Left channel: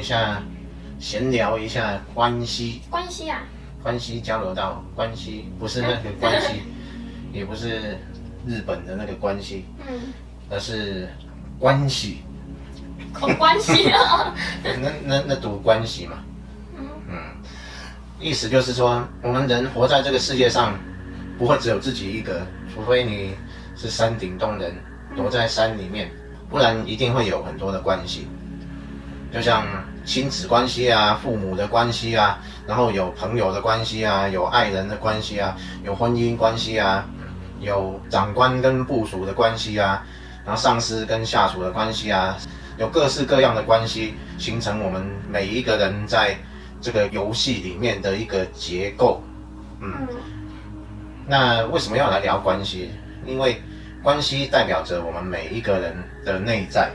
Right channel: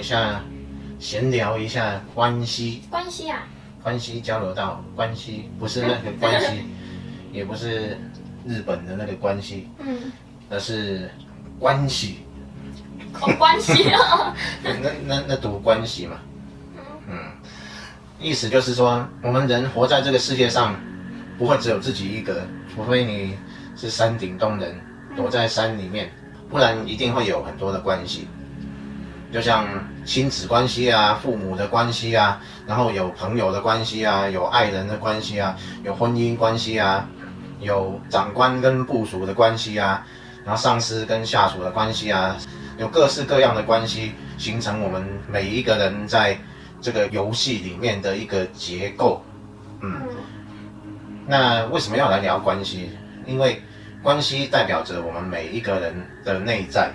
一下，闲聊一下关系。关系啊？关系交流到关系，不是那个关系，也不是日本的那个关系，而是关系。关系啊？那读关系嘛。意思就是说，我们人活在这个世界上，不会只有自己一个，除非你是山顶洞人，躲在山里面，不然一定会有很多的关系。就像亲子关系啊，父母的关系啊，然后有朋友的关系啊，有爱人的关系啊，有婚姻关系啊，有长官跟部属的关系啊，然后上司跟下属的关系啊，有各式各样的关系，形成我们每一个人在这个游戏里面的一个结构。那为什么要来聊关系？因为关系代表着我们每一个人的内在。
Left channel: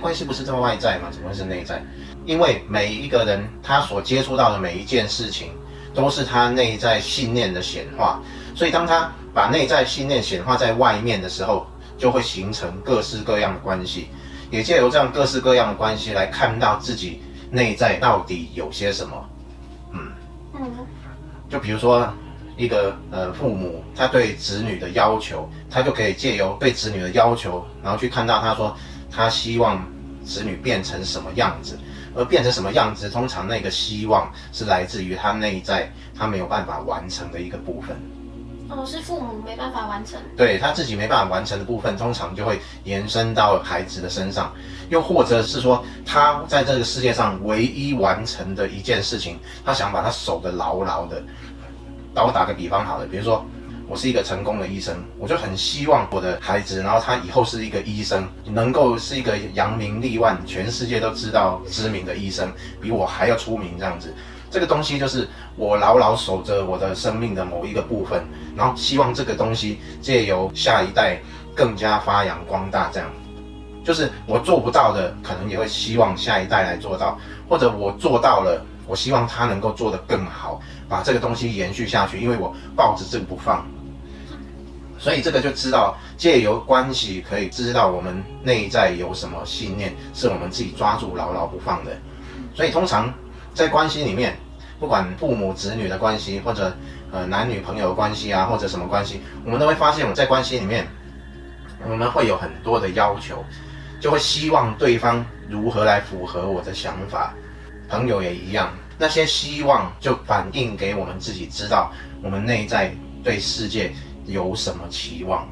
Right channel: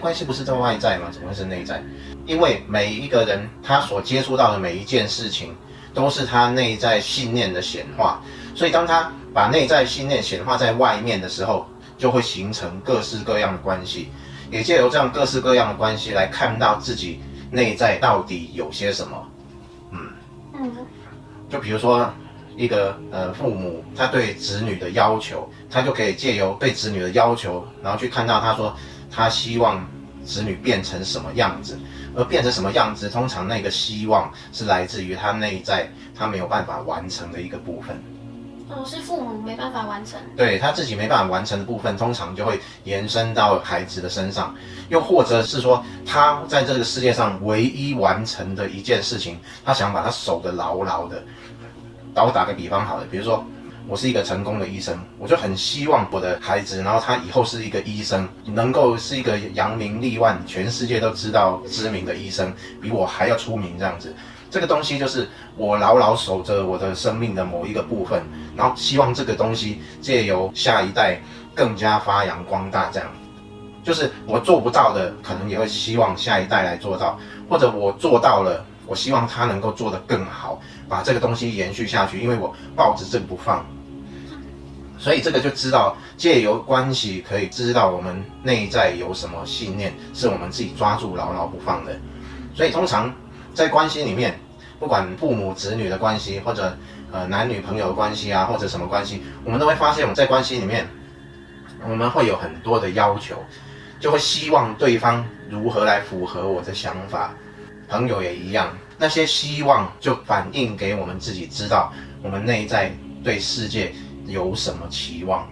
关系不是在外在吗？怎么会是内在？因为每一个人他所接触到的每一件事情，都是他内在信念的显化。所以当他把内在信念显化在外面的时候，就会形成各式各样的关系。也借由这样各式各样的关系来看到自己内在到底有些什么。就比如说一个父母他对子女的要求，他就可以借由对子女的要求，然后去看到他说他希望子女变成什么样子，而变成什么样子，通常那个希望是来自于他内在他没有办法完成的一个部分。是父母没办法完成，对，他自己没办法完成的部分，通常就会延伸到孩子的身上，又或者是说他在这个世界上唯一完成的一件事情，他想把它守得牢牢的。我打个比方好了，比如说我是一个成功的医生，我就很希望我的孩子，然后他以后是一个医生，能够是一个扬名立万，全世界都知道知名的医生，比我还要出名这样子。这个东西就是我牢牢守着我的生命的某一个部分，然后希望这个东西借由下一代更加发扬光大，这样。就是我做不到的，可能也会希望下一代来做到，或者我做到了，我希望他能够做得更好，把这个东西延续下去，因为我抱着这个不放。所以这个就知道，借由关系可以知道我们内在有什么信念，是我们自己抓住牢牢不放的。所以通常在关系里面，不管父母子女的关系，或者男女朋友的关系啊，或者什么关系，我们都会发现，我们在关系里面，我们会有很多的要求，就会希望对方如何来符合我的想法。朋友也一样，那些希望就反映给我们自己知道，我们内在对世界有什么期望。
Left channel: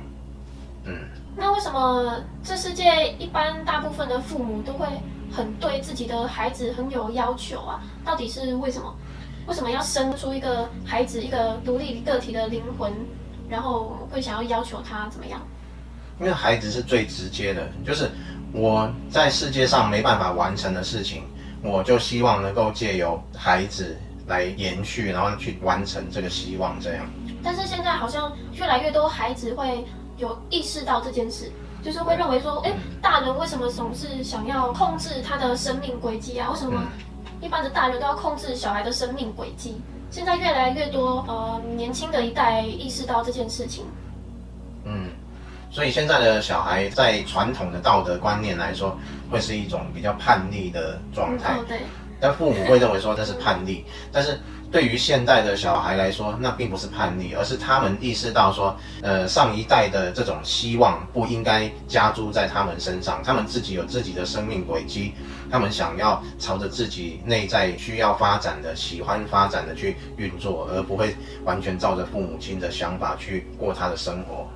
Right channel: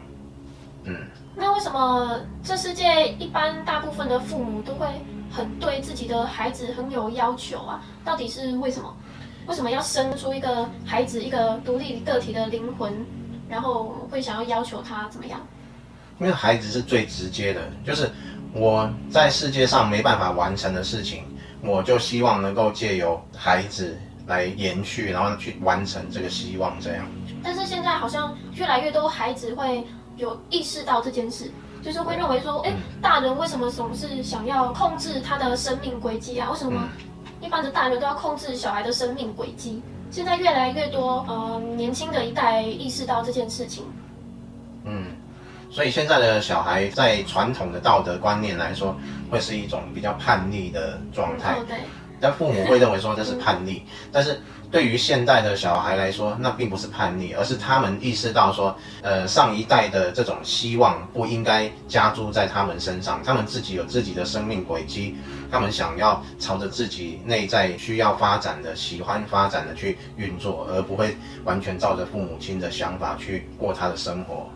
那为什么这世界一般大部分的父母都会很对自己的孩子很有要求啊？到底是为什么？为什么要生出一个孩子，一个独立个体的灵魂，然后会想要求他怎么样？因为孩子是最直接的，就是我在世界上没办法完成的事情，我就希望能够借由孩子来延续，然后去完成这个希望，这样。但是现在好像越来越多孩子会有意识到这件事，就是会认为说，大人为什么总是想要控制他的生命轨迹啊？为什么一般的大人都要控制小孩的生命轨迹？现在越来越多年轻的一代意识到这件事情。所以现在的小孩在传统的道德观念来说，会是一种比较叛逆的状态。对。但父母会认为说这是叛逆，但是对于现代的小孩来说，那并不是叛逆，而是他们意识到说，上一代的这种希望不应该加诸在他们身上，他们自己有自己的生命轨迹，他们想要朝着自己内在需要发展的、喜欢发展的去运作，而不会完全照着父母亲的想法去过他的生活。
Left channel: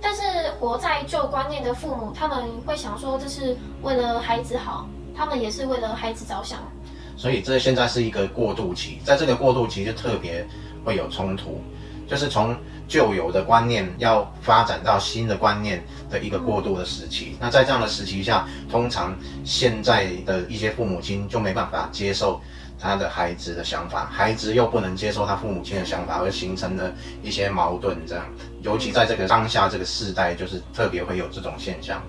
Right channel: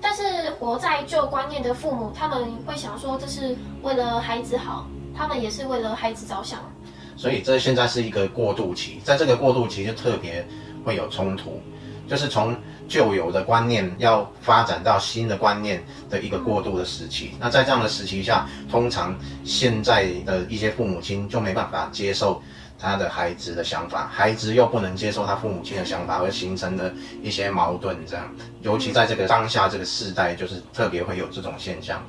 但是活在旧观念的父母，他们会想说这是为了孩子好，他们也是为了孩子着想。所以这现在是一个过渡期，在这个过渡期就特别会有冲突，就是从旧有的观念要发展到新的观念的一个过渡的时期。那在这样的时期下，通常现在的一些父母亲就没办法接受他的孩子的想法，孩子又不能接受他父母亲的想法，而形成了一些矛盾。这样，尤其在这个当下这个世代，就是特别会有这种现象。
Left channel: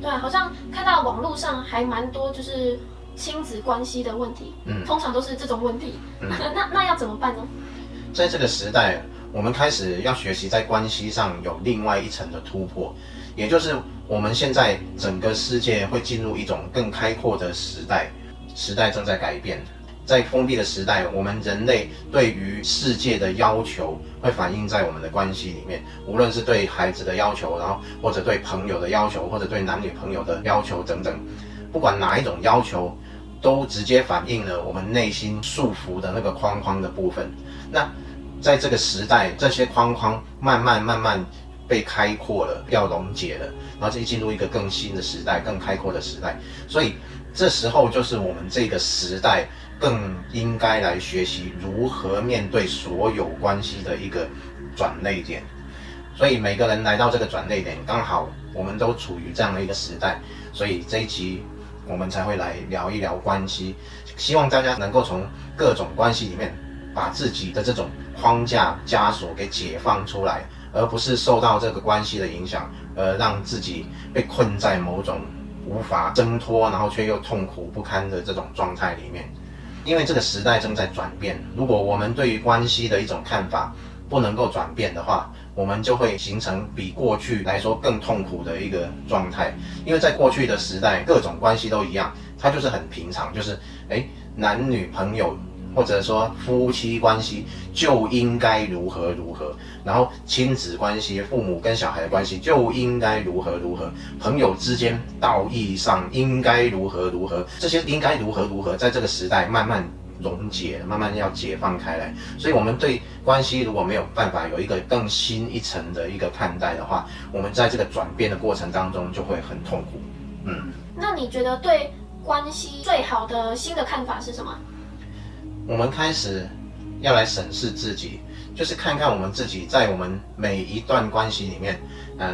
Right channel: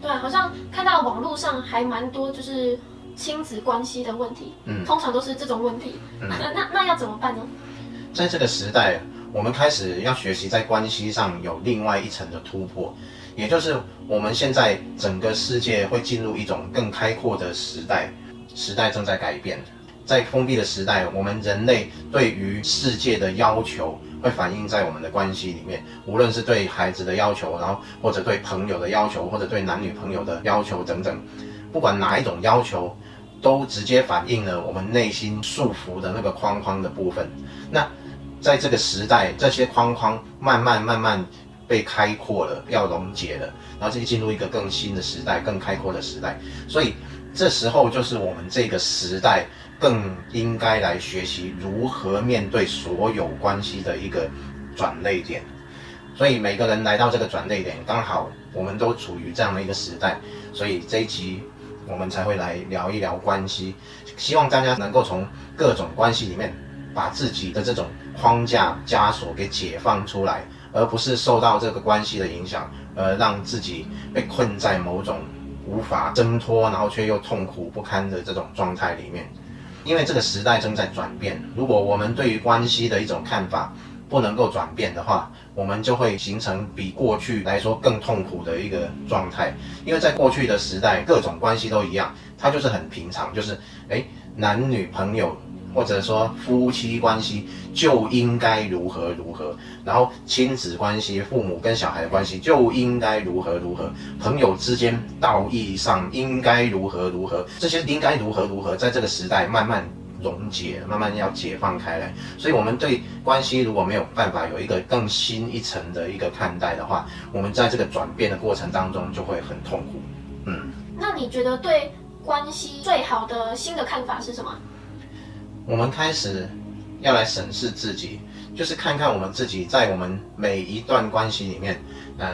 对，好像看到网络上还蛮多就是亲子关系的问题，通常都是这种问题。那要怎么办呢？在这个时代，我们开始要学习在关系上有另外一层的突破，也就是我们现在整个世界会进入一种更开阔的时代，时代正在改变。在封闭的时代，我们人类对于世界的要求会反映在我们的关系里面，无论是对孩子的要求，然后或者对朋友的要求，或者对男女朋友的要求等等，不管哪一种要求，都直接反映了我们内心束缚的那个框框的部分。那在这个时代，这些框框慢慢被开阔了，要溶解了，然后就进入一个更新的时代，更开阔的时代。所以这时候就是我们这个时代更应该来学习如何面对所有关系的一个转捩点。所以每个人来到这个转捩点，刚好我们都处于这样的一个时代，所以这一集我们才会来聊一聊关系，希望大家能够从各种关系里面把自己的这种框架枷锁给解放出来，而不是受到这个关系的影响，让自己被困在某种无法挣脱，然后却又痛苦不堪的这种状态里面。因为这个时代正在转变，如果我们对于关系的一种看法不能够转变的话，我们就会形成比过去来说更痛苦的一个状态。因为在过去的时代，各种关系都一样，它就是很平常，就是男女朋友或者说夫妻关系就应该如何如何，然后亲子关系，父母跟小孩的关系就应该如何如何，朋友之间道义上应该如何如何，这些应该如何如何，在这个时代慢慢溶解，慢慢要解放开来。所以我们对关系如果没有办法有一个更新一层的一个看待的话，我们在这个转变的过程当中就会很痛苦。那你觉得对关系最好的新的看法是什么？我们开始要来审视自己，就是看看我们自己在我们每一段关系里面，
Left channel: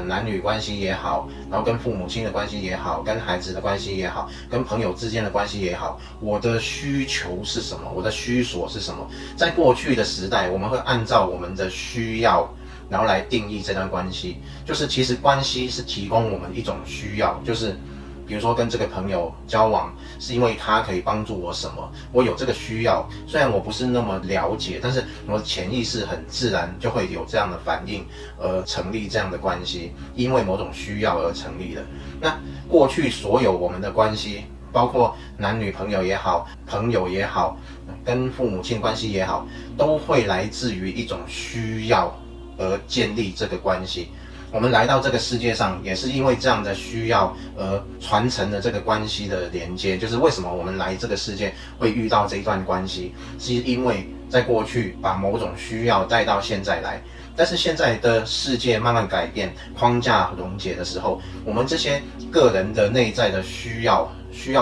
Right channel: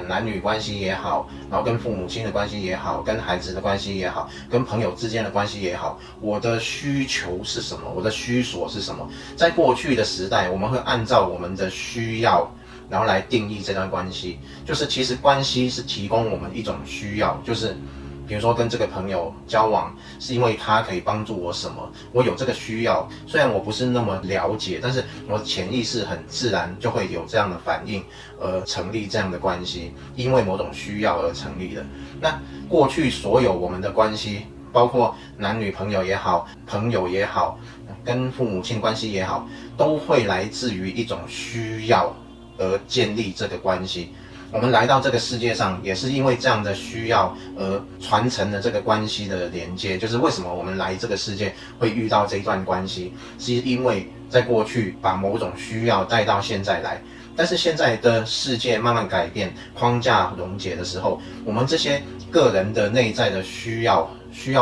男女关系也好，然后跟父母亲的关系也好，跟孩子的关系也好，跟朋友之间的关系也好，我的需求是什么，我的需索是什么。在过去的时代，我们会按照我们的需要，然后来定义这段关系。就是其实关系是提供我们一种需要，就是比如说跟这个朋友交往，是因为他可以帮助我什么，我有这个需要，虽然我不是那么了解，但是我潜意识很自然就会有这样的反应，而成立这样的关系，因为某种需要而成立的。那过去所有我们的关系，包括男女朋友也好，朋友也好，跟父母亲关系也好，都会来自于一种需要而建立这个关系。我们来到这个世界上，也是因为这样的需要而传承了这个关系的连接。就是为什么我们来这个世界会遇到这一段关系，是因为在过去把某种需要带到现在来。但是现在的世界慢慢改变，框架溶解的时候，我们这些个人的内在的需要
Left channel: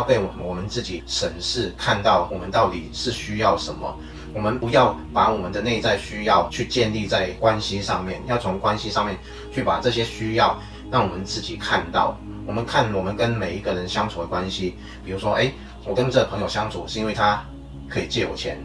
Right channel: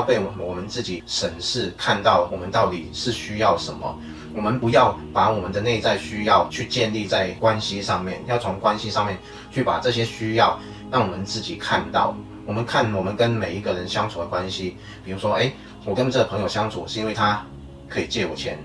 被我们自己审视，看到我们到底是需要什么。我们不要把我们的内在需要去建立在关系上面，要从关系上面去把这些需要让我们自己看到。我们看我们跟每一个人相处的关系，比如说我跟这个朋友相处是因为他可以借我钱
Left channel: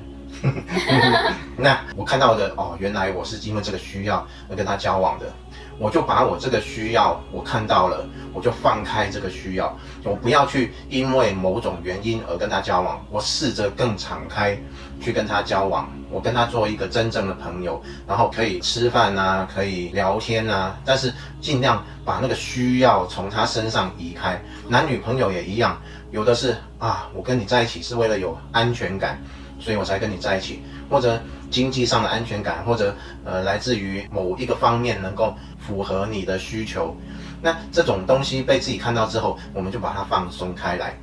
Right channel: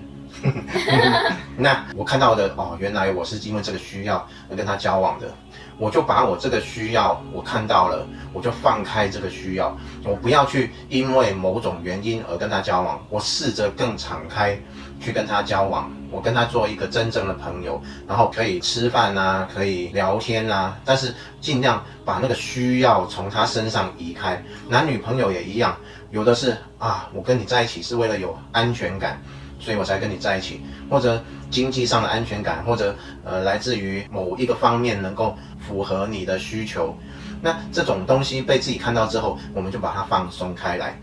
那我看到的原来我是因为这个需要而跟他交往的，我就把我这个需要我看到了，我就放开这个需要，我不要去因为某种原因而跟他交往，我试着更敞开去跟他交往，我跟他做一个真正的朋友，然后可以吃饭啊，可以聊天啊，但是尽量把那个需要从他身上移开。男女朋友也一样，有的是我跟你在一起是为了有安全感，所以我才跟你在一起，或者经济上的安全感，或者来自于某一个方面能够符合你的需求。那这种东西被自己看到之后，我们就把它放松开来。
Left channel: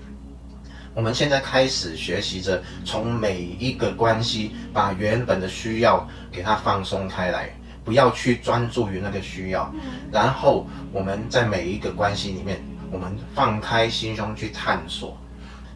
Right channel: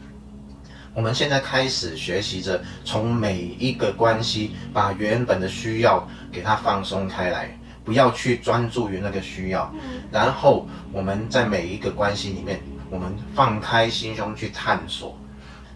我们现在开始学习着从每一个关系把原本的需要给它放松开来，不要去专注于那个需要，然后我们在每一个关系里面，我们放开心胸去探索。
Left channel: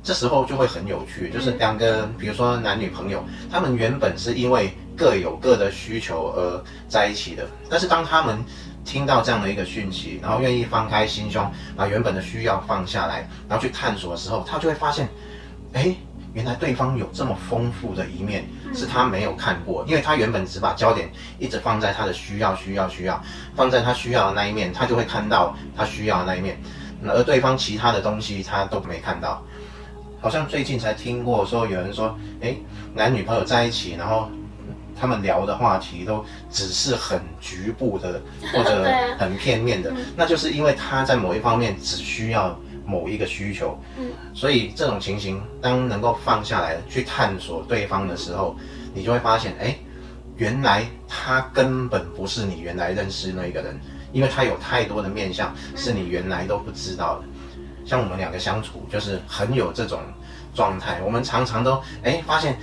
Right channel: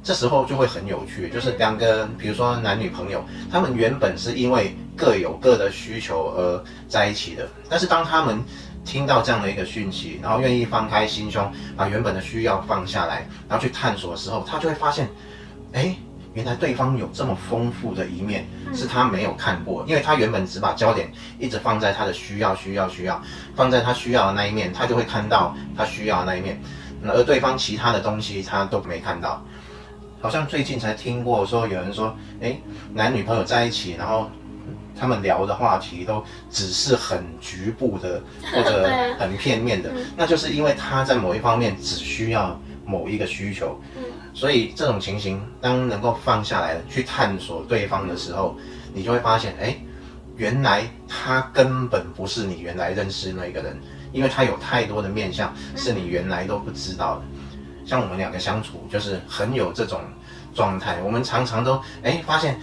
这时候就会很有趣，就是两个人，比如说男女朋友，他们原本是因为各有各的需求而在一起的，但是当他们听到这样的一个讯息，然后愿意放开心胸，把原本的需要放下来，然后去探索的时候，他就会发现，原来对方有这么丰富的一面，是他没有看过，因为他原本只把焦点一直放在他的需要，放在他需要的那一面，他就会看到他需要的那一面，而对方其他的东西他都没看到。好像最近才听过说有人说，男女朋友在一起，然后他们聊的话题都只是很局部的或者很片面的，那就是因为他在某一方面只需要某一个需求，所以这种情形当能够放下来去探索对方的时候，你就会发现，哎，原来他根本不是你原来认识那个人，因为他有太多的面向是你原来都不知道的。像我们两个相处就是很有这种状态，我们常常都发现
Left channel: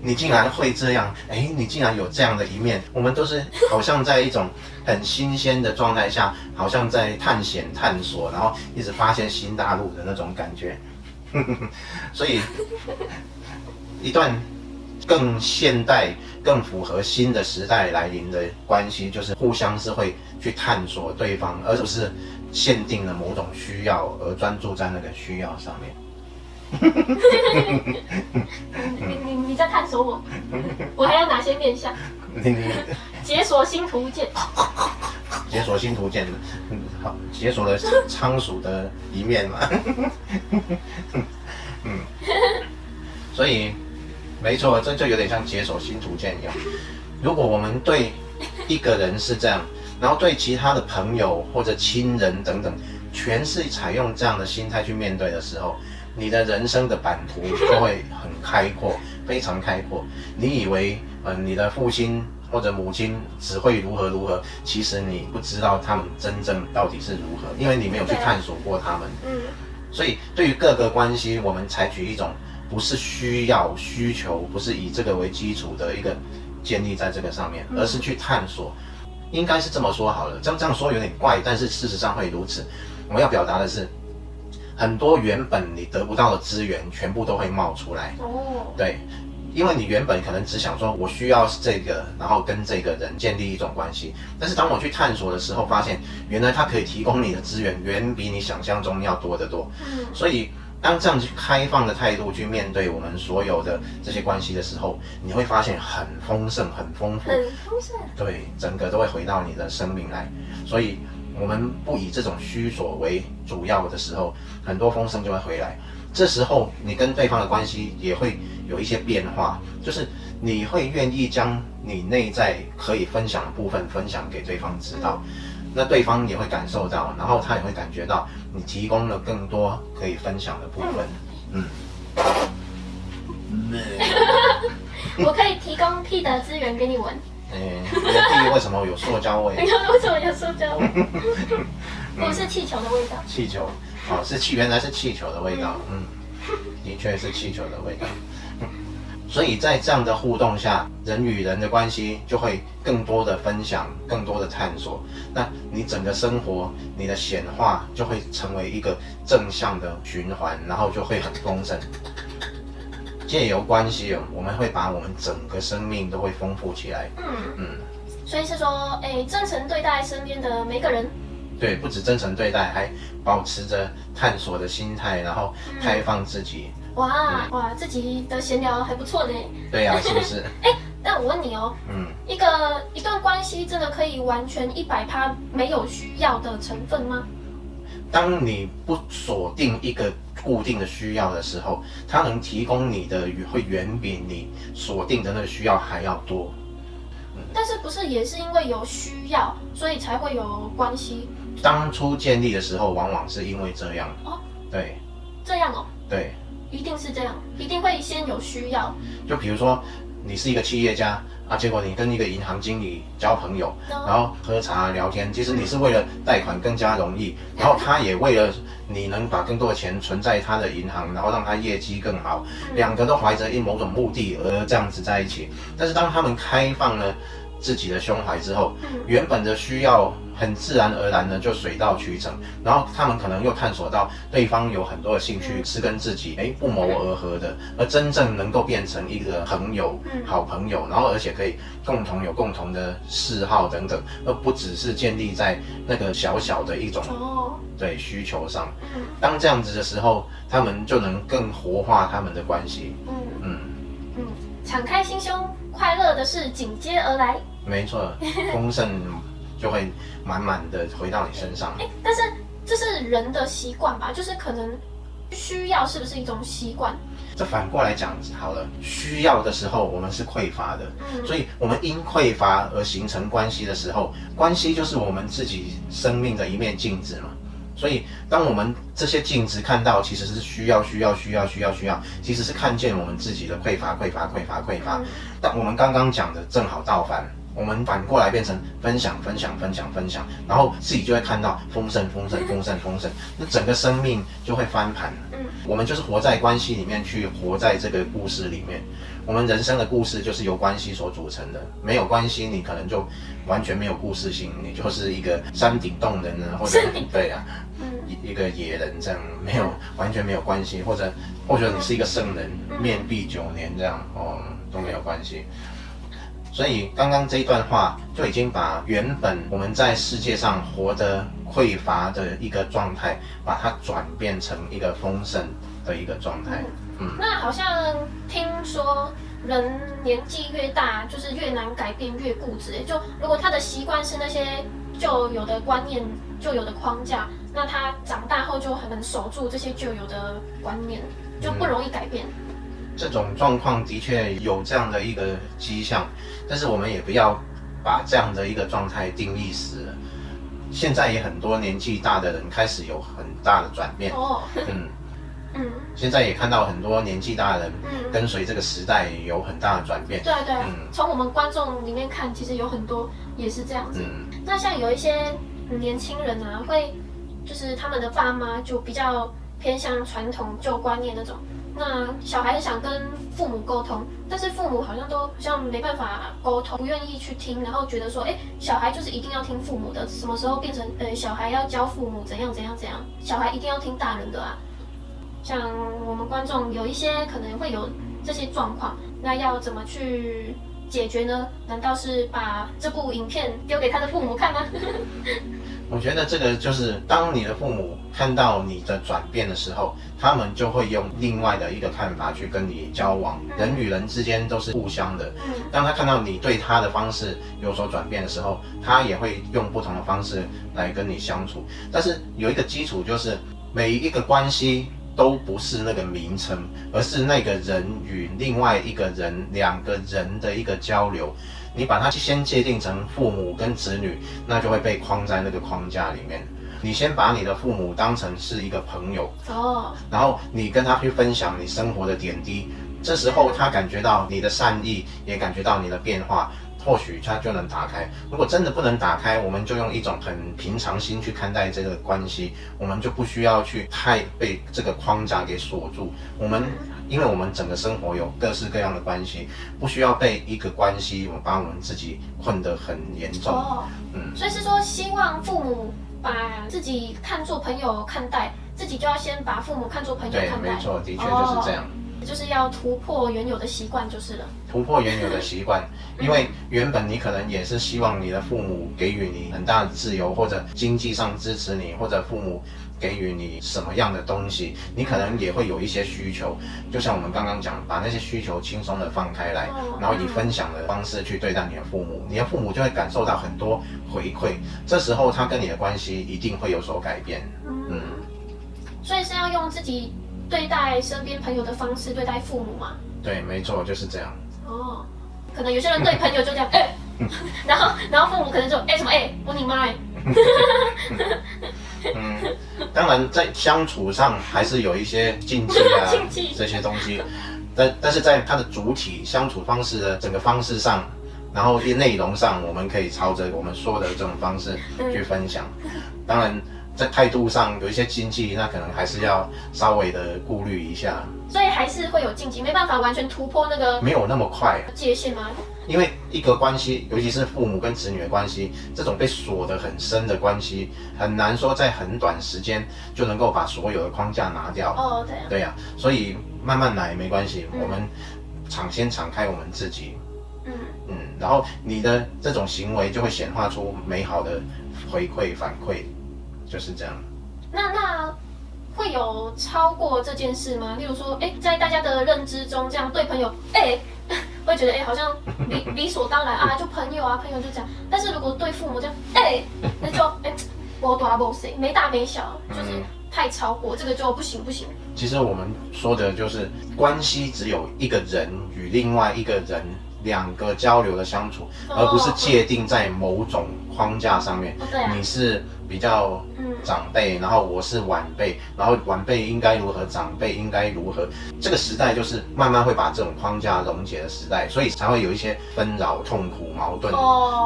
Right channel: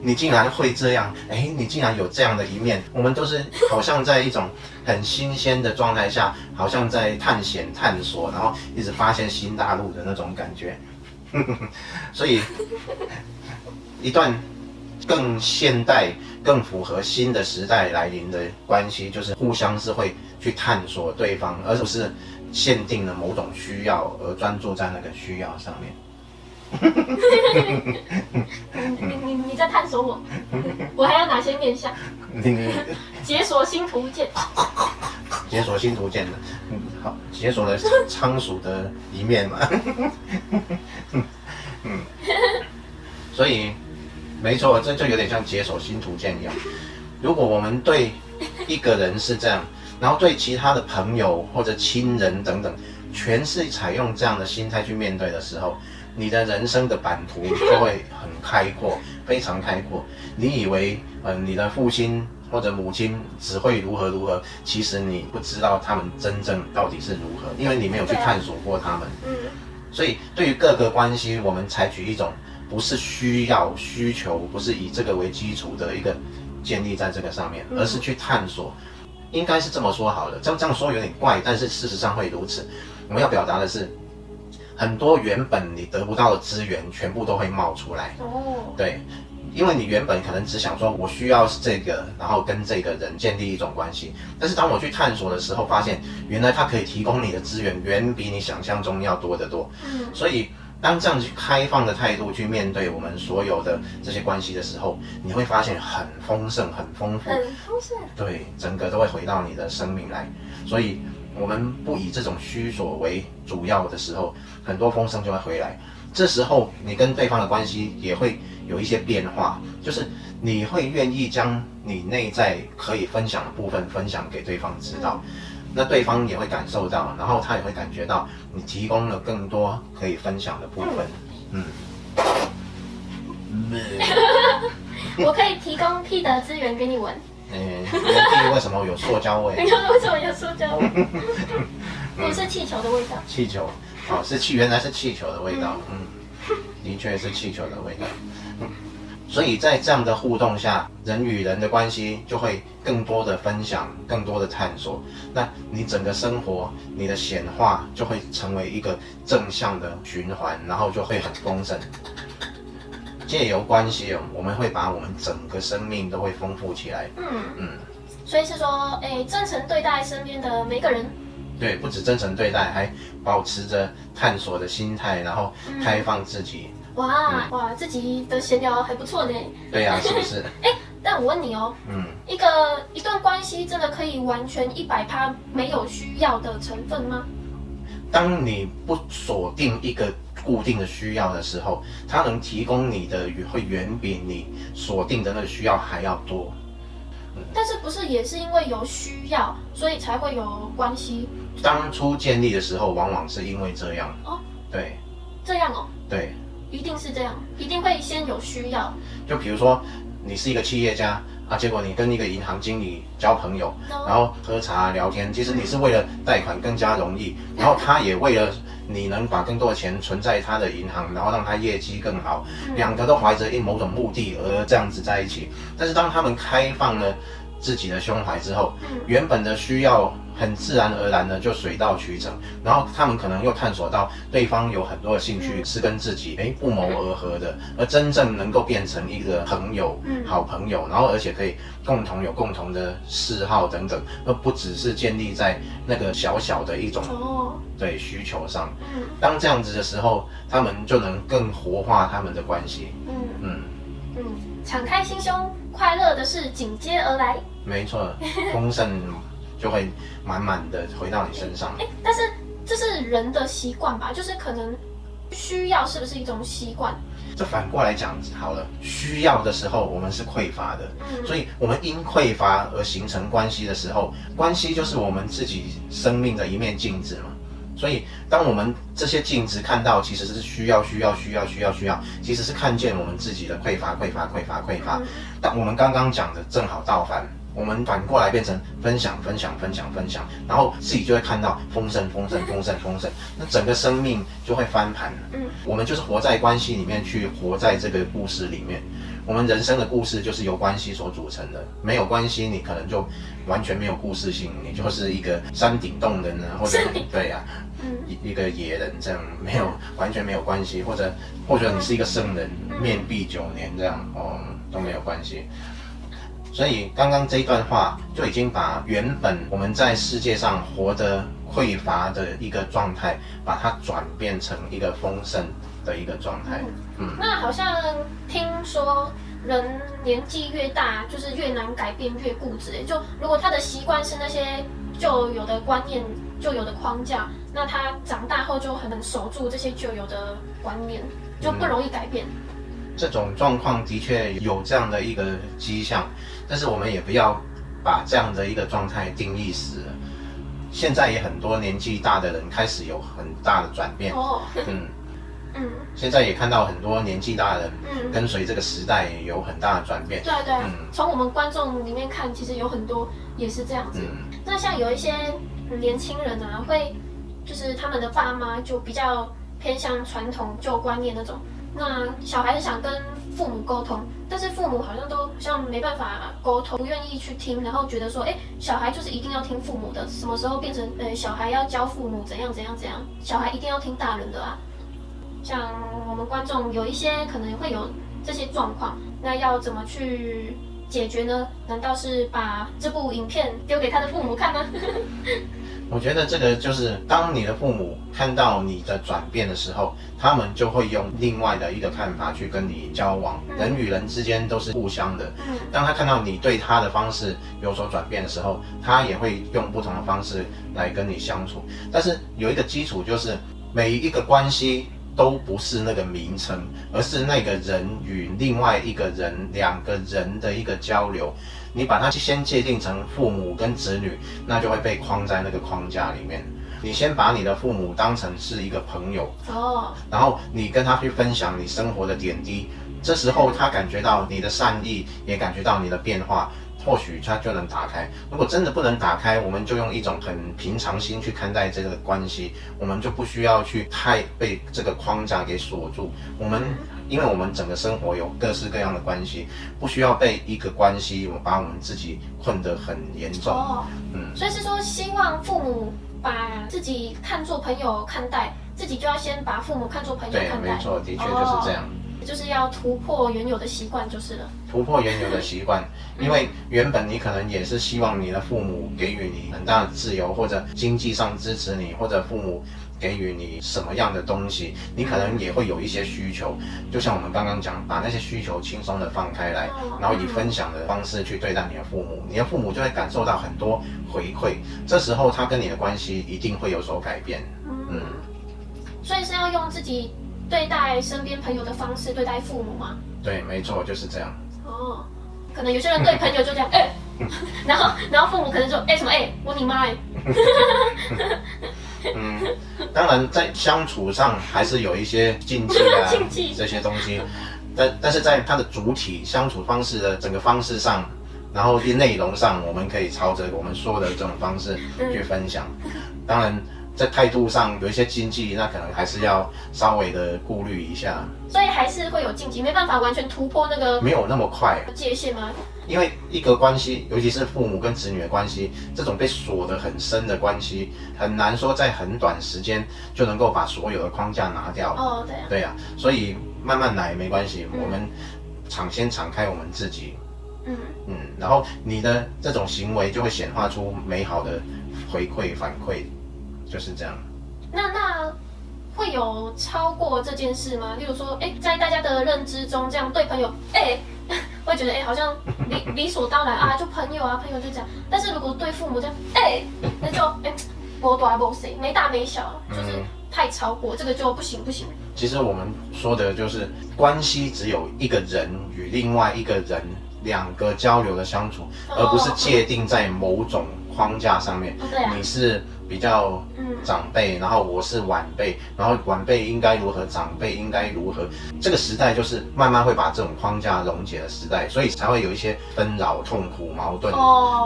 你竟然会这样，你竟然有这样的一面，我们都是好像在一种很新鲜的状态下，好像在探险探索，然后一直发现新大陆的那种感觉。所以一段更现代、更符合新的时代来临的关系，就是互相是会去探索对方，而不是限定了某种需要而专注在那个需要上面。你在探索我，我还有哪些面向？解锁新图鉴，解锁新图鉴的，好，解锁了仓鼠的一面嘛。所以没错，这就有点像解锁新图鉴一样。如果我们对一个人是这样，然后对其他的朋友或者亲人等等，全是采用这样的心态去面对的时候，你的人生的版图就会很开阔，非常开阔。你以为你的父亲或者母亲只会如何如何，其实你不知道他们真正到底是如何，因为你没有去探索过他们。所以对于各个关系，我们采取一种不是需要、需求，不是以这个为基础的一个建立在这个上面，而是去探索。应该是这么说好了，这样说有点怪，但是事实上会如此。我们要表达的是，很多原本你得不到的资源，全部都会冒出来。对，因为你原本可能只想说，我需要这个，然后跟这个人建立一种关系。但是当我去探索的时候，发现原来他可以提供你的资源，远比你想象中要多得多。所以当这样去开放的态度去面对我们所有的这些关系的时候，你会发现很丰盛、很丰富，很丰盛。对，整个都会回到你的生命来。所以我们不以这种需索为主要的时候，很多丰盛就会回来。这时候你跟对方的关系也会有一些变化，就是你会愿意将你内在可以分享的部分分享给对方知道，那对方也会感受到，然后他也会感觉到你提供了更多可以分享的部分。我可以提供屁的资源给你闻。屁为什么有塑胶味？为什么有塑胶味？不是气球的味道。气球，原来是气球的味道。的确是气球的味道。所以在这样的互动下，人与人的关系就会更多的分享，更多的探索。那你整个生活，你的显化就会成为一个正向的循环，然后就会很丰盛。借由关系我们会把我们整个生命都会丰富起来。所以是说，真诚对待身边的每个人。对，不止真诚对待，还保持着探索的心态，然后开放自己。哇，自己的闲聊还不错呢。对呀，是不是？但我问你哦，一段关系真的可以完全100%没有需要的成分吗？当你不锁定一个固定的需要的时候，它能提供你的会远比你锁定的那个需要还要多。但是不是也是因为有需要，所以才会有关系？当初建立的时候，往往是因为这样。对。这样哦。对。一定是这样，一定会先有需要。就比如说，你是一个企业家结果你跟一个银行经理交朋友，然后喝茶聊天，其实你是为了贷款更加容易，然后他也为了你能把更多的钱存在他的银行，然后让他业绩更好，两个都怀着某种目的而这样子在一起。但是当他们开放了自己的胸怀之后，原本的需要很自然而然的就水到渠成，然后他们可能又探索到对方有很多的兴趣是跟自己不谋而合的，而真正能够变成一个朋友、好朋友，然后而且可以有共同的嗜好等等，而不只是建立在那个小小的一种对需求上。当这样子的时候，他们就能更活化他们的关系。敞开心胸，快乐的事紧接而来。没错，丰盛就会满满的回到你身上。但是这是人的习惯吧？就是可能需要是不是一种习惯？这反过来讲好了，需要的时候我们是匮乏的，所以我们因匮乏而形成关系的时候，关系就是我们自己生命的一面镜子嘛。所以当我们这些镜子看到其实是需要，其实是看见我们自己的匮乏。但我们刚刚讲的正好倒反，我们反过来变成分享，然后自己就会看到丰盛，那整个生命就会翻盘。我们就是活在关系里面去活在这个故事里面。我们人生的故事就是由关系所组成的，没有关系，你可能就完全没有故事性，你就是一个山顶洞人呢，或者对啊，一个野人这样，完全没有关系，或者你是一个圣人，面壁9年这样都没有关系。所以刚刚这一段话就已经把原本我们在世界上活得匮乏的一个状态，把它转变成一个丰盛的一个状态。那好像听说人年纪越大，就是越难改变，越固执。就如果他的习惯是那些旧有的观念、旧有的框架，那他长大后就很能守住这些旧有的观念，就不容易改变。这种状况的确有这样的一个迹象，但是我们也不要把这样的一个状态定义死了。现在也很多年纪大的人开始有很大的转变。现在也看到很多年纪大的人跟随这个时代有很大的转变。对，从我们观众里面看，其实有很多也是这样子。那像有一些年轻人啊，会就是他们的爸妈就比较偏向传统旧观念那种。那小孩想跟父母沟通，但是父母好像没办法沟通，不愿意去听，然后觉得说，小孩就是一定要听父母的，什么时候变成小孩要教父母怎样，小孩一定要听大人的啊。像我们观众有一些可能会有这些状况，那要怎么去解决呢？难道是把这部影片丢给他的父母看呢？我觉得这个就是当你的父母看到你的转变的时候，他们就会用另外的一个看法去跟你交往。人与人之间都是互相的，当他看到你对他的方式有所转变的时候，他也会用不同的方式来跟你相处。但是有一个基础，就是每一个关系都不是那个名称，而是那个人与另外一个人两个人的一个交流。你把它先界定成父母跟子女，那就会被框在那个框架里面。你先把你的父母当成是一个朋友，然后你跟他去分享你生活的点滴，这时候他感觉到你的善意，也感觉到你的变化，或许他就能打开。如果真的不能打开，我们就用一种很平常心去看待这个关系，我们就不需要去太被这个框架给锁住。因为我们整个生活有各式各样的关系，不需要被一个关系把我们自己困得很严重。所以是说希望父母把自己看作朋友看待，自己就要先把父母看作朋友看待。对，没错，的确就是这样。就是要突破原有的习惯就是了。突破原有的习惯，因为原本你可能也是希望你的父母给予你很大的自由，或者经济上支持你，或者父母给予你什么样的东西，你可能也会有一些需求。就像我们刚刚讲，把那些需求轻松的放开来，然后以分享的方式去对待你的父母，你的父母就会感受到很多回馈，这时候他跟你的关系一定会有所改变。所以是要用自己对待身边朋友的方式对待父母吗？对，没错，就是这样。可能有些人对朋友就这样，然后父母可能就什么我你妈当然在相处上还是有一些禁忌啊这些东西，但是在它的主体相处方式的整个方式上，然后内容上，我们可以朝着我们说的这种方式去分享。当然在态度上有一些禁忌，那可能还是要稍微的顾虑一下。所以还是会有禁忌，没办法完全突破那个没有那么快界限吗？因为一个关系，尤其是父母跟子女的关系，这种被锁得很深的关系，很难说在很短时间就能够把所有的框架拿掉。对啊，所以慢慢来没关系，我们先敞开我们自己。然后你的这种行为就会显化出美好的回馈反馈，就是这样。那会有超过这件事吗？例如说，在大家的认知中，这样对朋友，会觉得好像理所当然啊，就朋友啊，朋友就这样。但是如果对父母这样，那就没大没小，就是太超过，这个就不行。其实我们说的就是关系只有一个人与另外一个人两个交流的相处，而不是界定在某种框架上面。对啊，你是比较长辈，然后我是晚辈，然后晚辈应该如何，长辈应该如何。这个时代就是慢慢会把这种框架溶解的时代，所以才会有一些纷扰、痛苦、矛盾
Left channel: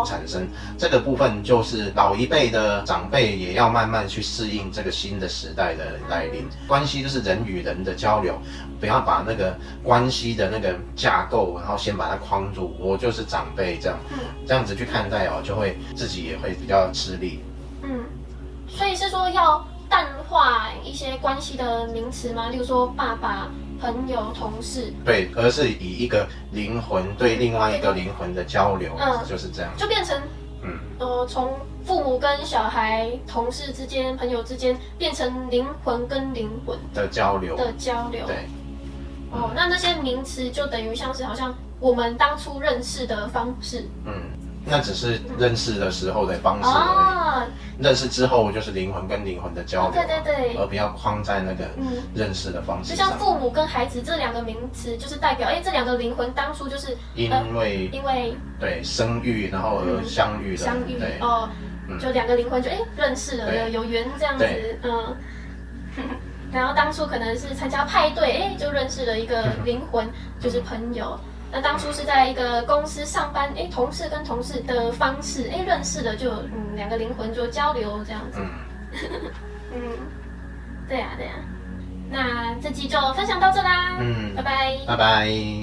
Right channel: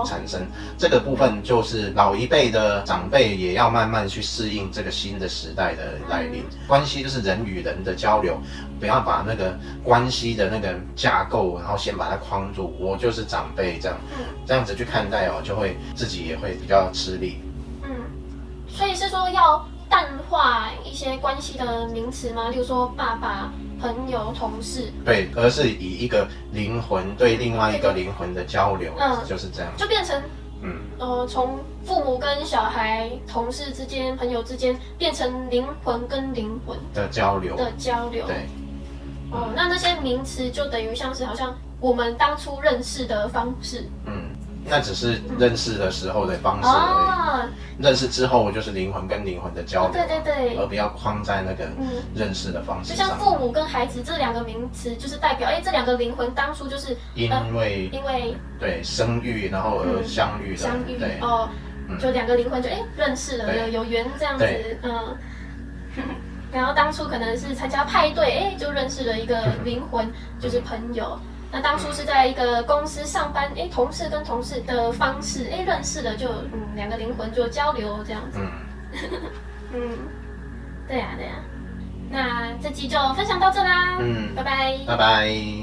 产生。这个部分就是老一辈的长辈也要慢慢去适应这个新的时代的来临。关系就是人与人的交流，不要把那个关系的那个架构，然后先把它框住。我就是长辈这样子去看待哦，就会自己也会比较吃力。所以是说要淡化一些关系的名词吗？例如说爸爸、朋友、同事。对，而是以一个灵魂对另外一个灵魂的交流，就是这样，就变成从父母跟小孩、同事之间、朋友之间，变成灵魂跟灵魂的交流。对。那些名词就等于像是好像我们当初认识的方式。那只是认识的时候的方式而已。认识之后就是灵魂跟灵魂的交流。对。而不要框在那个认识的方式上。就像父母跟孩子这两个名词，就是代表这两个灵魂当初就是因为对生育然后而相遇的。对。就两个灵魂就认识了，有缘这样子。然后当初可能是参加派对，就认识了一个灵魂，就是朋友。那当初是在一个公司上班，同事跟同事的方式，认识了就两个灵魂就交流这样子。对啊。那这集就分享到这啦。拜拜。拜拜。